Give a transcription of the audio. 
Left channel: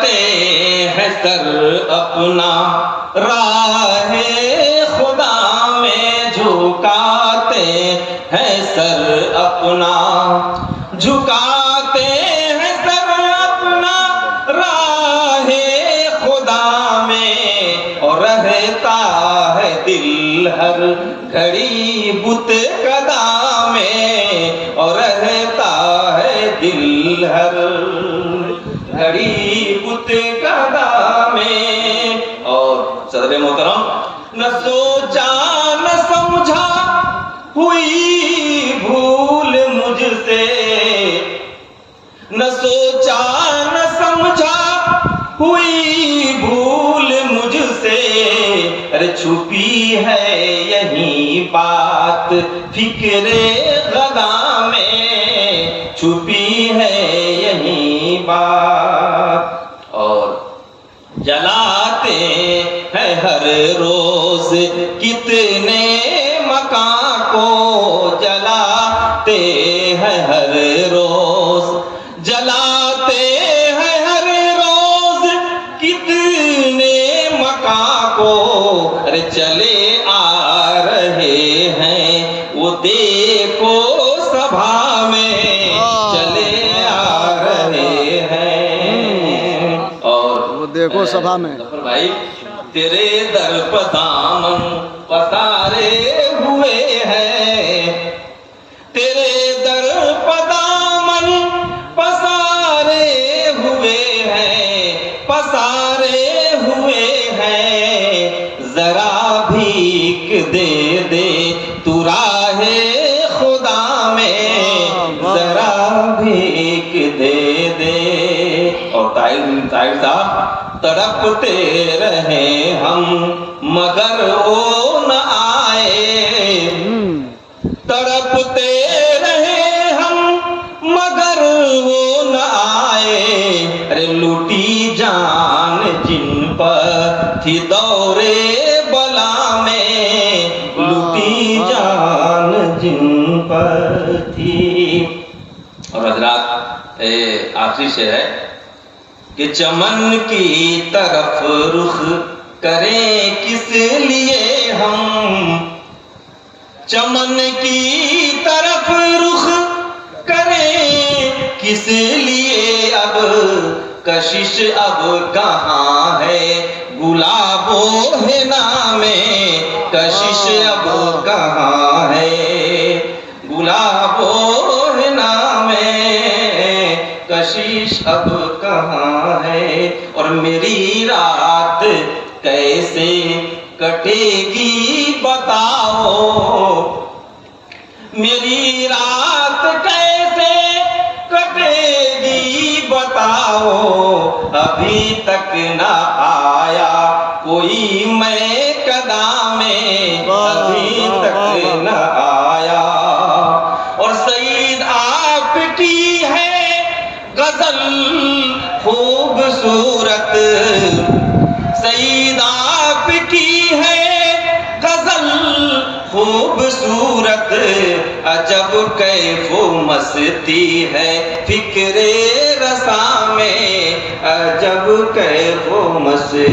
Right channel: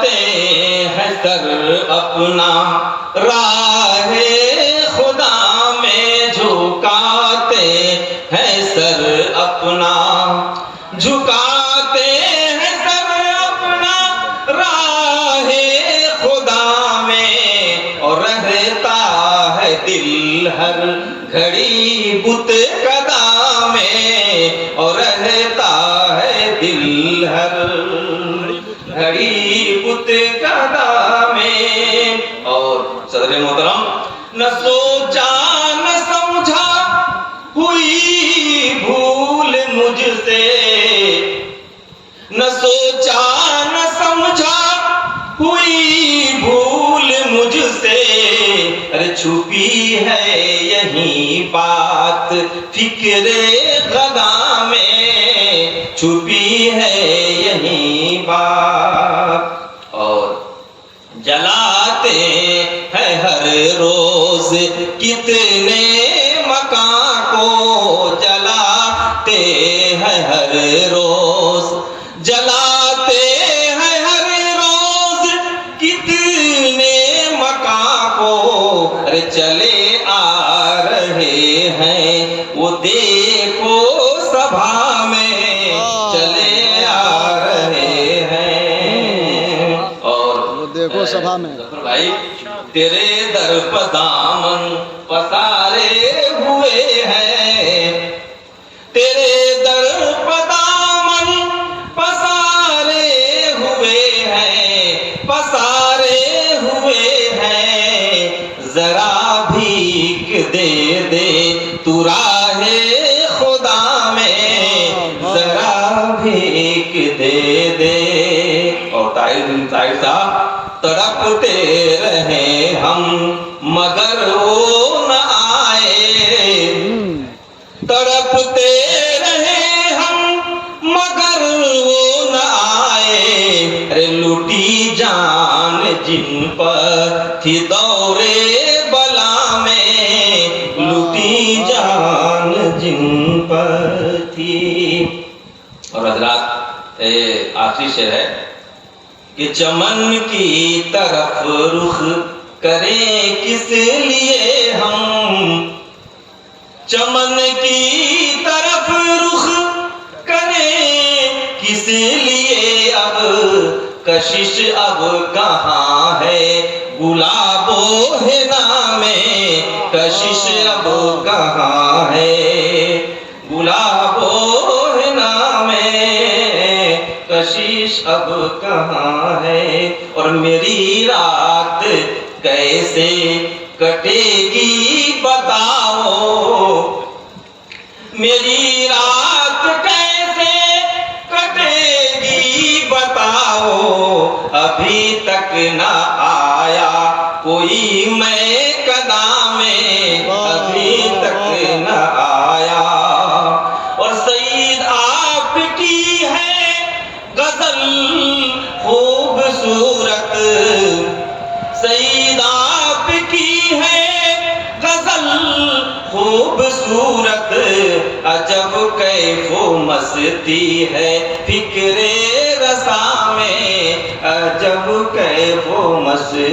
जलाते हैं सर अपना, राहे खुदा में झुकाते हैं सर अपना, झुकाते हैं सर अपना राहे खुदा में, और रहता है दिल हर घड़ी बुत कदा में, और रहता है दिल हर घड़ी बुत कदा में। और सदर मोहतरम, न सोचा न समझा हुई भूल मुझसे, न सोचा न समझा हुई भूल मुझसे, अरे छुपी है यही बात फिक्रे गदा में, छुपी है यही बात। और जलाते हैं हर रोज कितने मकान को, जलाते हैं हर रोज, जलाते हैं हर रोज कितने मकान को, अरे चले आ रहे हैं वो देखो सभा में, चले आ रहे हैं। और वो देखो सभा में भाई, तेरे दर पर दामन पसारे हुए हैं, तेरे दर पर दामन पसारे हुए हैं, पसारे हुए हैं, जरा भीख दे दे तू राहे खुदा में, जरा भीख दे दे। और ताहिर साहब, तड़पते रहे हम मगर वो न आए, तड़पते रहे हम मगर वो न आए, अरे लूटी जान जिन पर थी दौरे बला में, लूटी जान जिन पर थी। और हजरात, आखिरी शेर है कि चमन की तरफ रुख करें किस लिए हम, चमन की तरफ रुख करें किस लिए, अब कशिश अब कहाँ है गुलाबो है नामे, कशिश अब कहाँ है गुलाबो है नामे, कशिश अब कहाँ है। और मेरी रात कैसे कटेगी बताओ, मेरी रात कैसे कटेगी बताओ, अभी तक ना आया कोई मैं कदा में, अभी तक ना आया। और सईद आपकी है गजल खूबसूरत, सईद आपकी है गजल खूबसूरत, अजब कैफो मस्ती है फिक्रे रसा में, अजब कैफो मस्ती।